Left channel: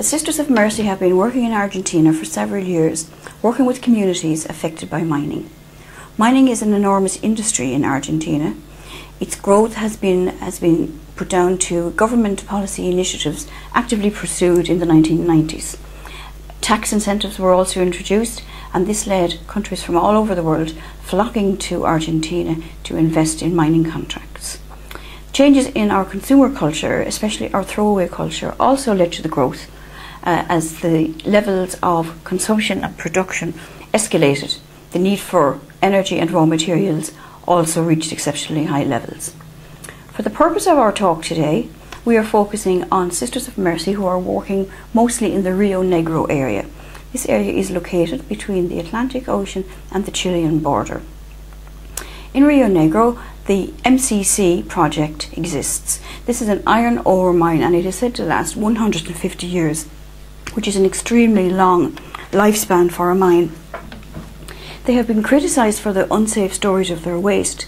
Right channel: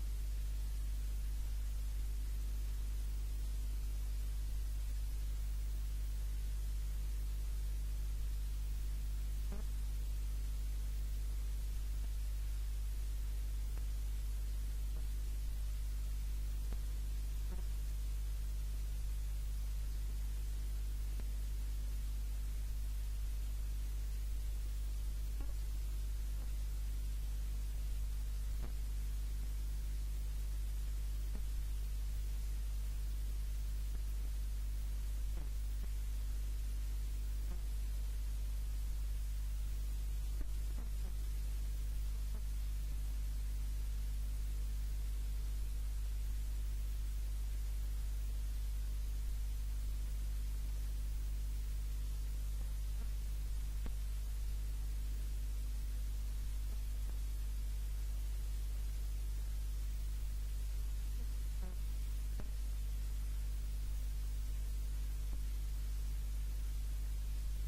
The Sisters of Mercy have been working in Argentina for several years, working with communities affected by mining. Mining is an enormous industry in Argentina. Its growth has been put down to government policy initiatives actively pursued in the 1990s. Tax incentives were also introduced, and this led countries from all over the world flocking to Argentina to invest in mining contracts. Changes in our consumer culture, especially our throwaway culture, also led to the growth as the levels of consumption and production escalated. The need for energy and raw materials also reached exceptionally high levels. For the purpose of our talk today, we are focusing on Sisters of Mercy who are working mostly in the Rio Negro area. This area is located between the Atlantic Ocean and the Chilean border. In Rio Negro, the MCC project exists. This is an iron ore mine, and it is said to last 150 years, which is an extremely long lifespan for a mine. They have been criticised for the unsafe storage of their waste,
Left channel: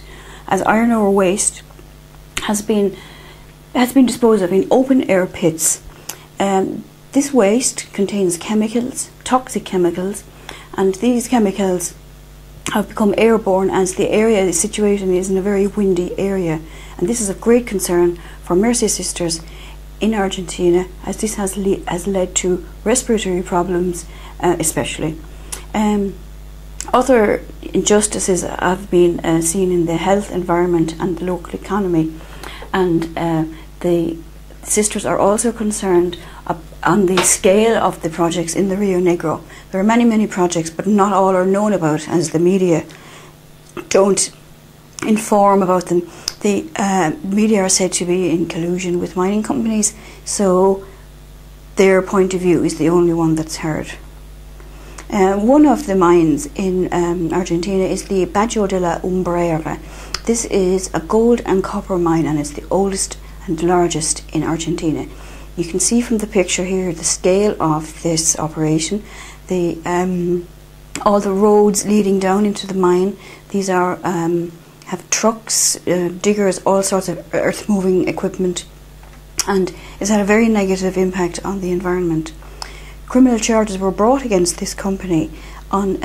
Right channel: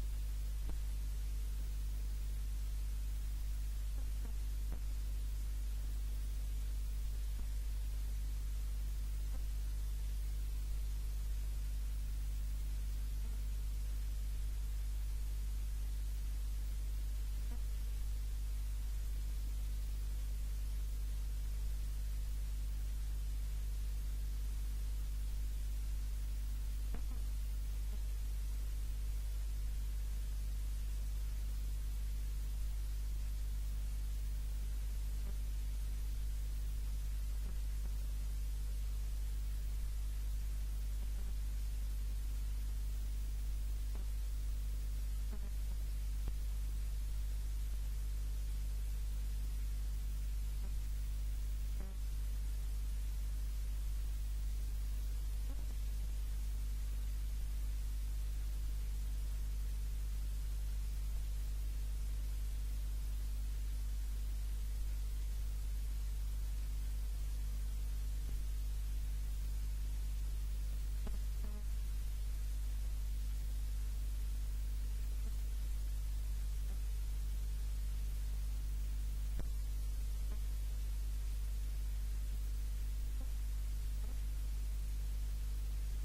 as iron ore waste has been disposed of in open air pits. This waste contains chemicals, toxic chemicals, and these chemicals have become airborne as the area the situation is in a very windy area, and this is of great concern for Mercy Sisters in Argentina, as this has led to respiratory problems especially. Other injustices have been seen in the health, environment and the local economy, and the sisters are also concerned on the scale of the projects in the Rio Negro. There are many projects, but not all are known about, as the media don't inform about them. The media are said to be in collusion with mining companies, so their point of view is the only one that's heard. One of the mines in Argentina is the Bajo de la Umbrera. This is a gold and copper mine, and it's the oldest and largest in Argentina. You can see from the picture here the scale of this operation. All the roads leading down into the mine, these are have trucks, diggers, all sorts of earth moving equipment, and it's had a very negative impact on the environment. Criminal charges were brought against this company on,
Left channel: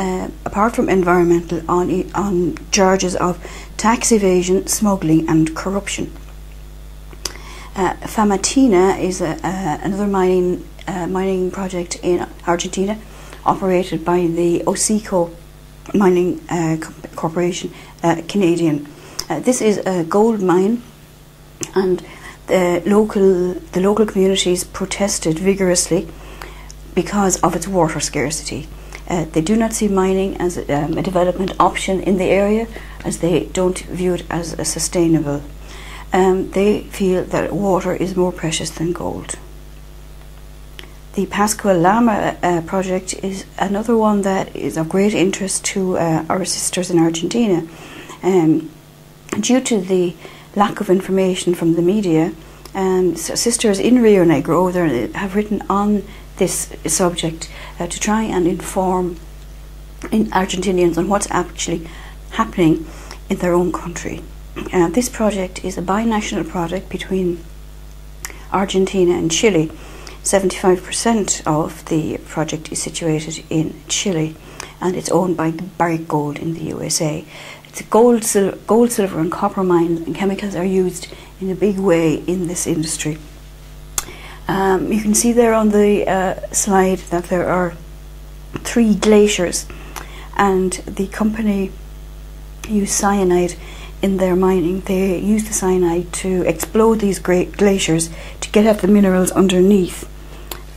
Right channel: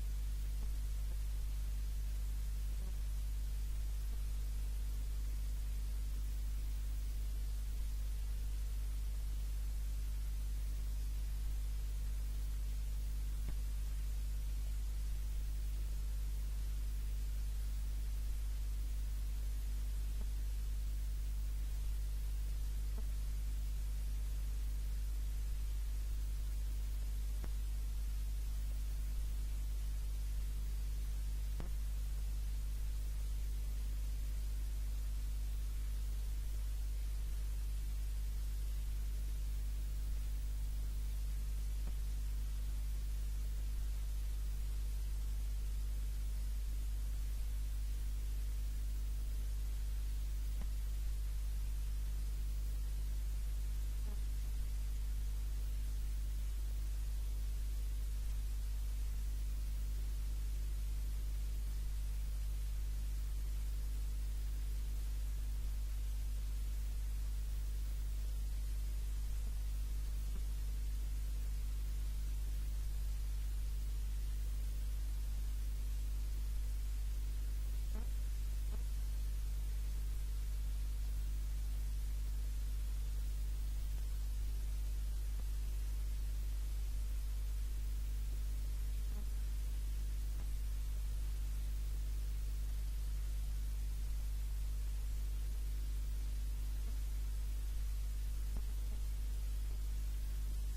apart from environmental, on charges of tax evasion, smuggling and corruption. Famatina is another mining project in Argentina, operated by the Osico Mining Corporation, Canadian. This is a gold mine, and the local communities protested vigorously because of its water scarcity. They do not see mining as a development option in the area, as they don't view it as a sustainable. They feel that water is more precious than gold. The Pascua Lama project is another one that is of great interest to our sisters in Argentina. Due to the lack of information from the media, sisters in Rio Negro have written on this subject to try and inform Argentinians on what's actually happening in their own country. This project is a binational project between Argentina and Chile. 75% of the project is situated in Chile, and it's owned by Barrick Gold in the USA. It's a gold, silver and copper mine, and chemicals are used in a big way in this industry. You can see there on the slide that there are 3 glaciers, and the company use cyanide in their mining. They use the cyanide to explode these great glaciers to get at the minerals underneath,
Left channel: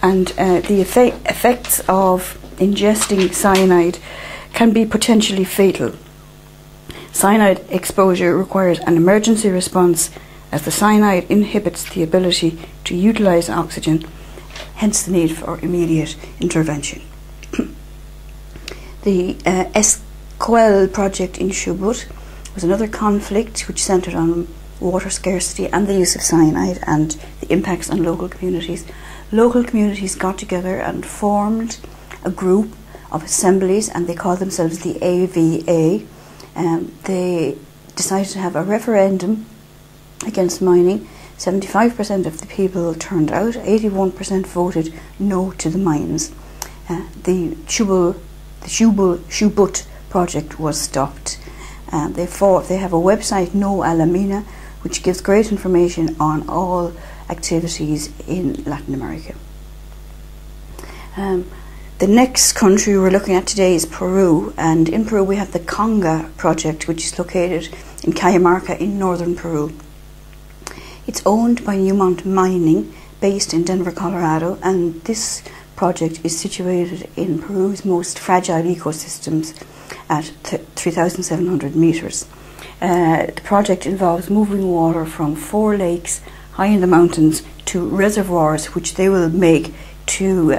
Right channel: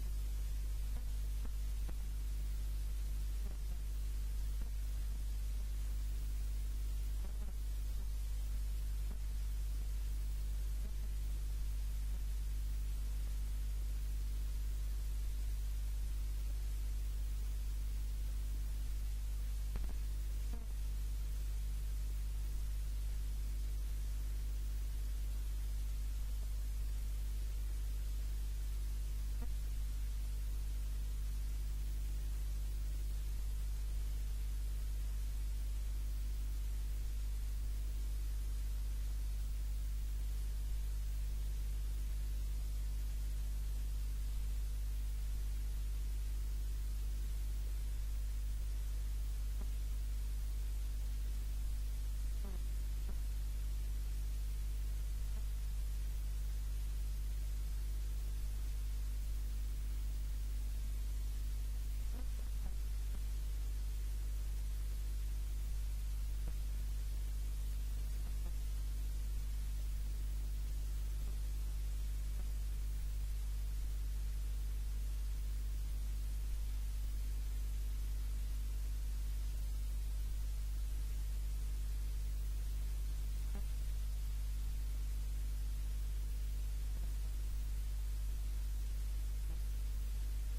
and the effects of ingesting cyanide can be potentially fatal. Cyanide exposure requires an emergency response, as the cyanide inhibits the ability to utilize oxygen, hence the need for immediate intervention. The Esquel project in Chubut was another conflict which centred on water scarcity and the use of cyanide and the impacts on local communities. Local communities got together and formed a group of assemblies, and they called themselves the AVA. They decided to have a referendum against mining, 75% of the people turned out, 81% voted no to the mines. The Shubut project was stopped. They have a website, No Alamina, which gives great information on all activities in Latin America. The next country we're looking at today is Peru, and in Peru we have the Conga project, which is located in Cajamarca in northern Peru. It's owned by Newmont Mining, based in Denver, Colorado, and this project is situated in Peru's most fragile ecosystems at 3,700 meters. The project involves moving water from 4 lakes high in the mountains to reservoirs, which they will make to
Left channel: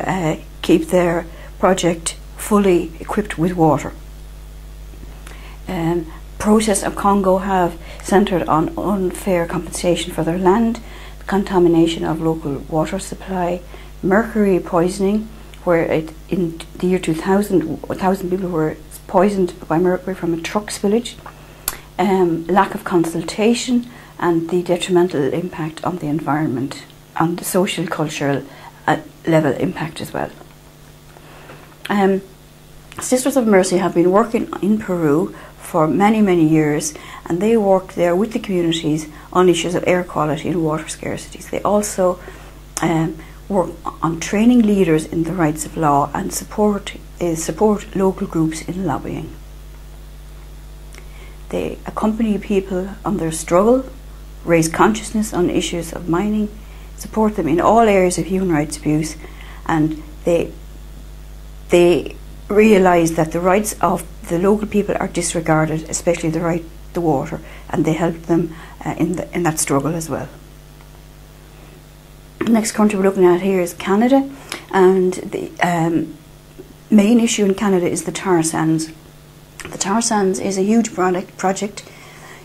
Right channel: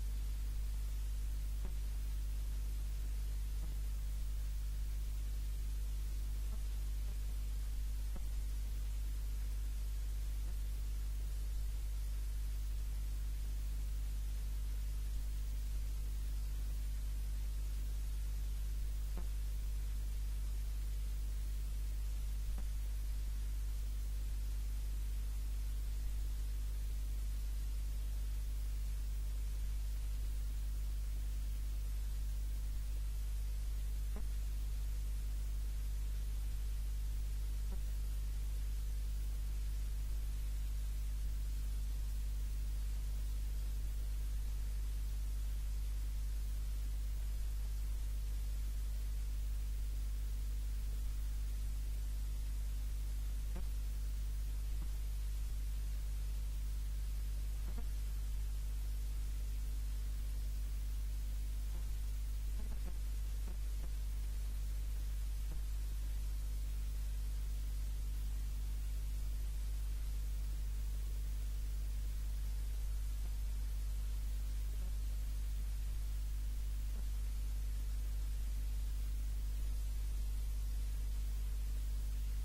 keep their project fully equipped with water. Protests of Congo have centred on unfair compensation for their land, the contamination of local water supply, mercury poisoning, where in the year 2000, 1,000 people were poisoned by mercury from a truck spillage, lack of consultation, and the detrimental impact on the environment, on the social, cultural level impact as well. Sisters of Mercy have been working in Peru for many, many years, and they work there with the communities on issues of air quality and water scarcities. They also work on training leaders in the rights of law and support local groups in lobbying. They accompany people on their struggle, raise consciousness on issues of mining, support them in all areas of human rights abuse, and they realise that the rights of the local people are disregarded, especially the right to water, and they help them in that struggle as well. The next country we're looking at here is Canada, and the main issue in Canada is the tar sands. The tar sands is a huge project.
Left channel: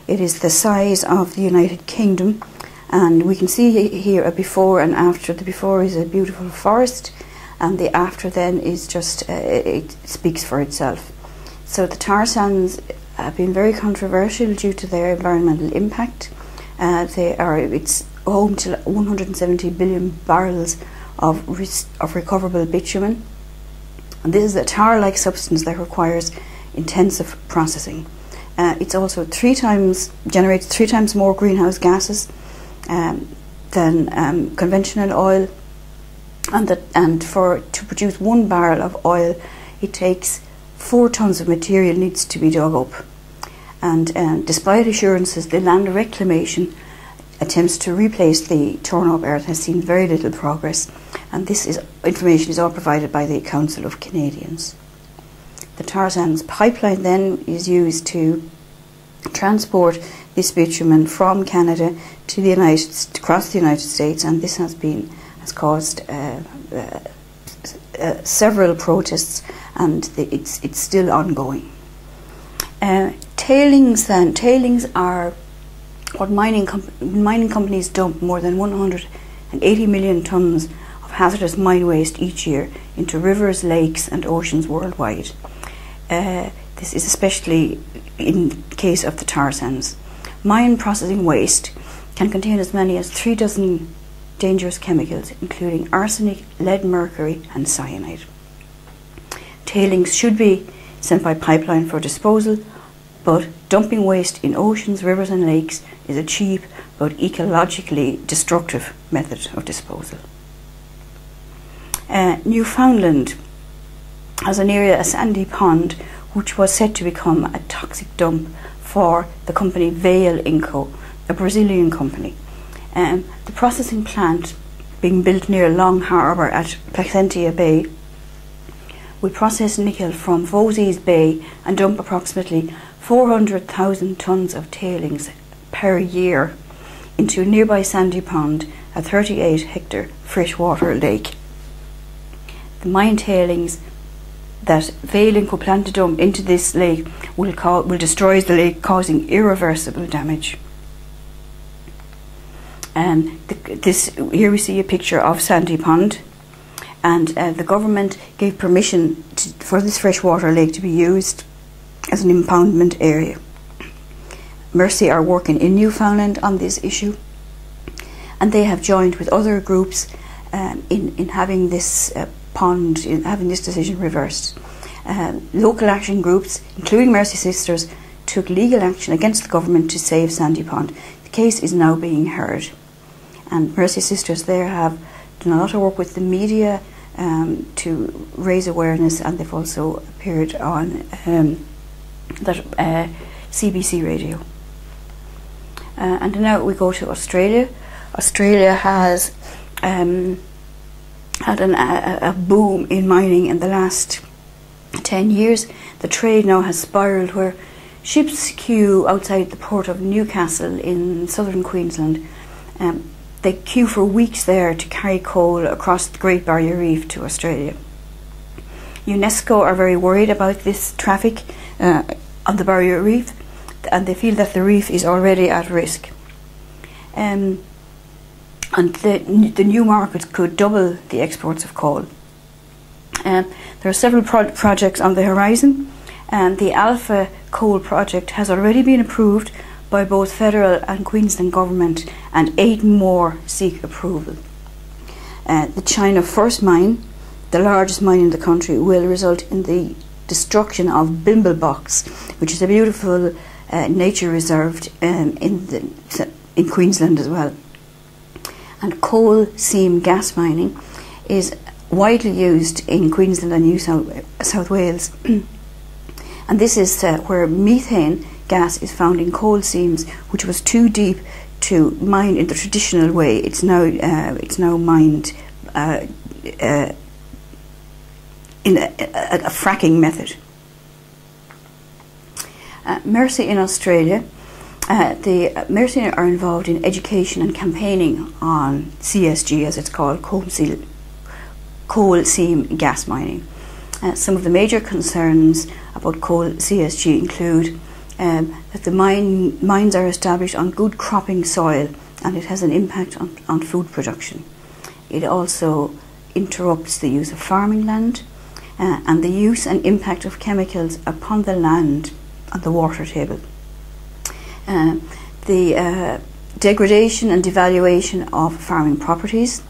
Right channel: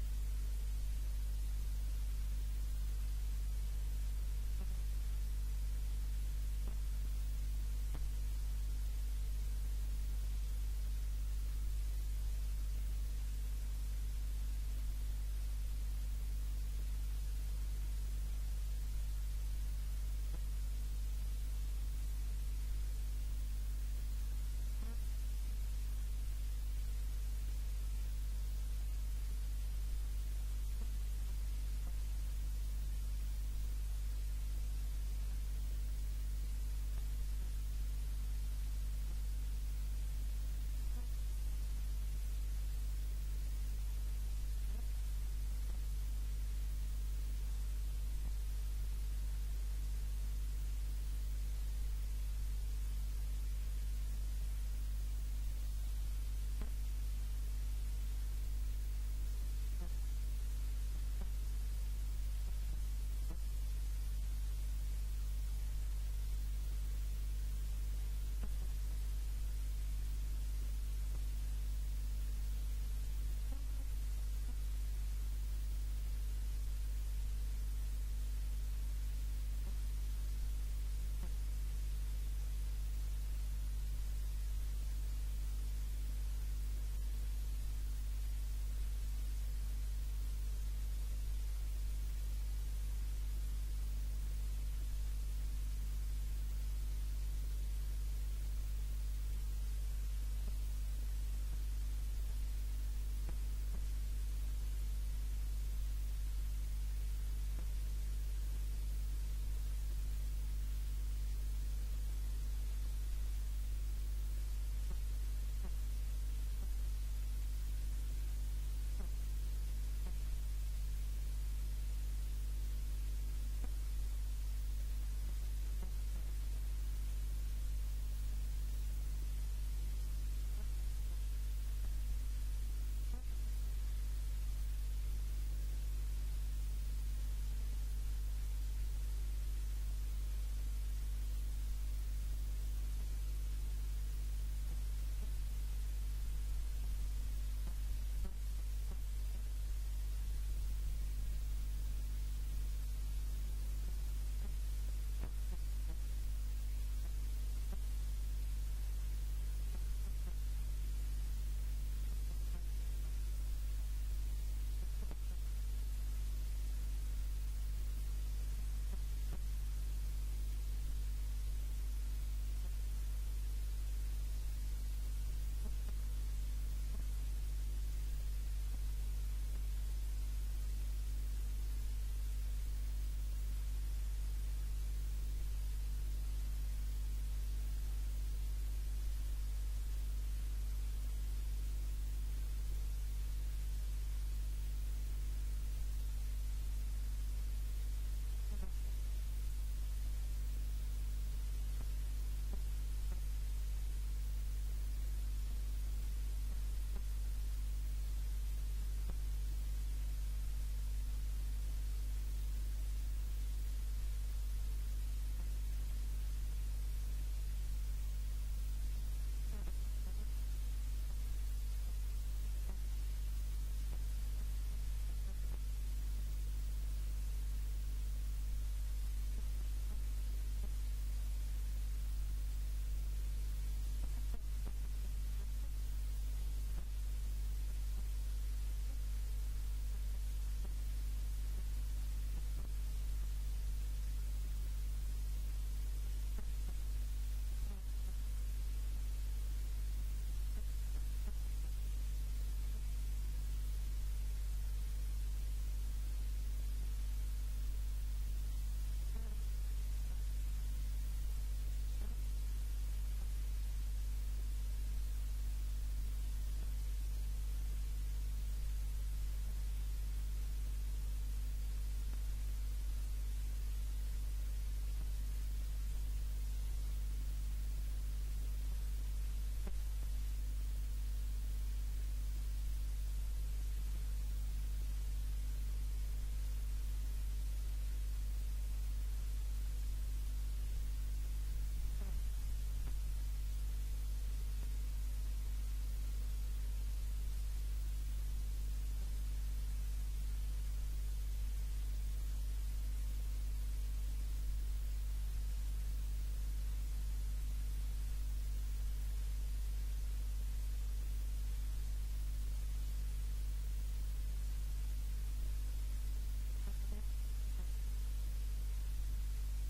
It is the size of the United Kingdom, and we can see here a before and after. The before is a beautiful forest, and the after then is just, it speaks for itself. So the tar sands have been very controversial due to their environmental impact. It's home to 170 billion barrels of recoverable bitumen. And this is a tar-like substance that requires intensive processing. It's also generates 3 times more greenhouse gases than conventional oil, and to produce 1 barrel of oil, it takes 4 tons of material needs to be dug up. And despite assurances, the land reclamation attempts to replace the torn up earth has seen very little progress, and information is all provided by the Council of Canadians. The tar sands pipeline then is used to transport this bitumen from Canada to across the United States, and this has caused several protests, and it's still ongoing. Tailings are what mining companies dump more than 180 million tons of hazardous mine waste each year into rivers, lakes and oceans worldwide. This is especially in case of the tar sands. Mine processing waste can contain as many as 3 dozen dangerous chemicals, including arsenic, lead, mercury and cyanide. Tailings should be sent by pipeline for disposal, but dumping waste in oceans, rivers and lakes is a cheap but ecologically destructive method of disposal. Newfoundland has an area, a sandy pond, which was set to become a toxic dump for the company Vale Inco, a Brazilian company. The processing plant being built near Long Harbour at Placentia Bay will process nickel from Vosges Bay and dump approximately 400,000 tonnes of tailings per year into a nearby sandy pond, a 38-hectare freshwater lake. The mine tailings that Vale Inco plan to dump into this lake will destroy the lake, causing irreversible damage. Here we see a picture of Sandy Pond, and the government gave permission for this freshwater lake to be used as an impoundment area. Mercy are working in Newfoundland on this issue, and they have joined with other groups in having this having this decision reversed. Local action groups, including Mercy Sisters, took legal action against the government to save Sandy Pond. The case is now being heard, and Mercy Sisters there have done a lot of work with the media to raise awareness, and they've also appeared on CBC radio. And now we go to Australia. Australia has had a boom in mining in the last 10 years. The trade now has spiralled where ships queue outside the port of Newcastle in southern Queensland. They queue for weeks there to carry coal across the Great Barrier Reef to Australia. UNESCO are very worried about this traffic on the Barrier Reef, and they feel that the reef is already at risk. And the new market could double the exports of coal. There are several projects on the horizon, and the Alpha Coal project has already been approved by both federal and Queensland government, and 8 more seek approval. The China First mine, the largest mine in the country, will result in the destruction of Bimblebox, which is a beautiful nature reserve in Queensland as well. And coal seam gas mining is widely used in Queensland and New South Wales. And this is where methane gas is found in coal seams, which was too deep to mine in the traditional way. It's now mined in a fracking method. Mercy in Australia. The Mercy are involved in education and campaigning on CSG, as it's called, coal seam gas mining. Some of the major concerns about coal CSG include that the mines are established on good cropping soil, and it has an impact on food production. It also interrupts the use of farming land and the use and impact of chemicals upon the land and the water table. The degradation and devaluation of farming properties.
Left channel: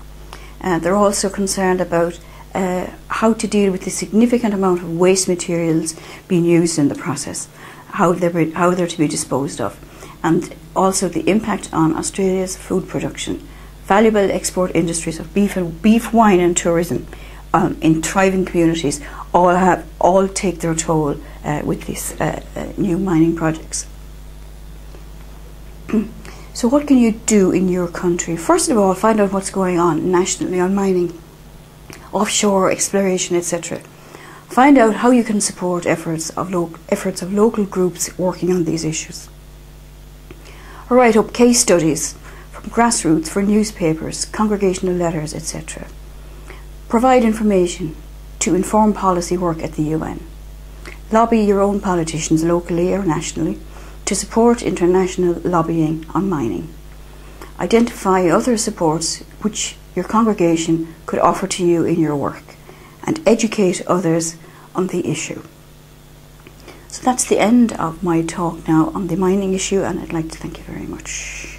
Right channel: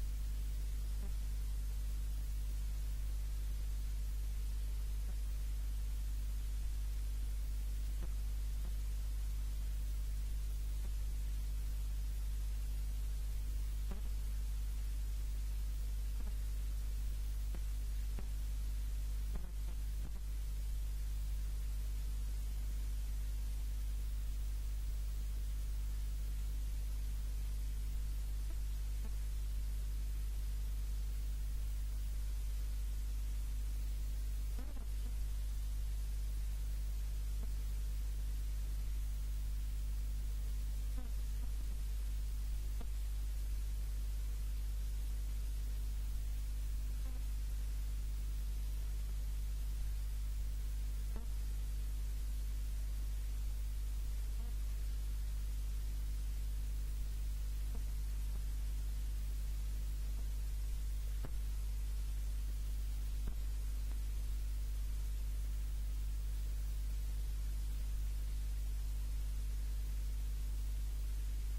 They're also concerned about how to deal with the significant amount of waste materials being used in the process, how they're to be disposed of, and also the impact on Australia's food production. Valuable export industries of beef, wine and tourism in thriving communities all take their toll with these new mining projects. So what can you do in your country? First of all, find out what's going on nationally on mining, offshore exploration, etc. Find out how you can support efforts of local groups working on these issues. Or write up case studies from grassroots for newspapers, congregational letters, etc. Provide information to inform policy work at the UN. Lobby your own politicians locally or nationally to support international lobbying on mining. Identify other supports which your congregation could offer to you in your work, and educate others on the issue. So that's the end of my talk now on the mining issue, and I'd like to thank you very much.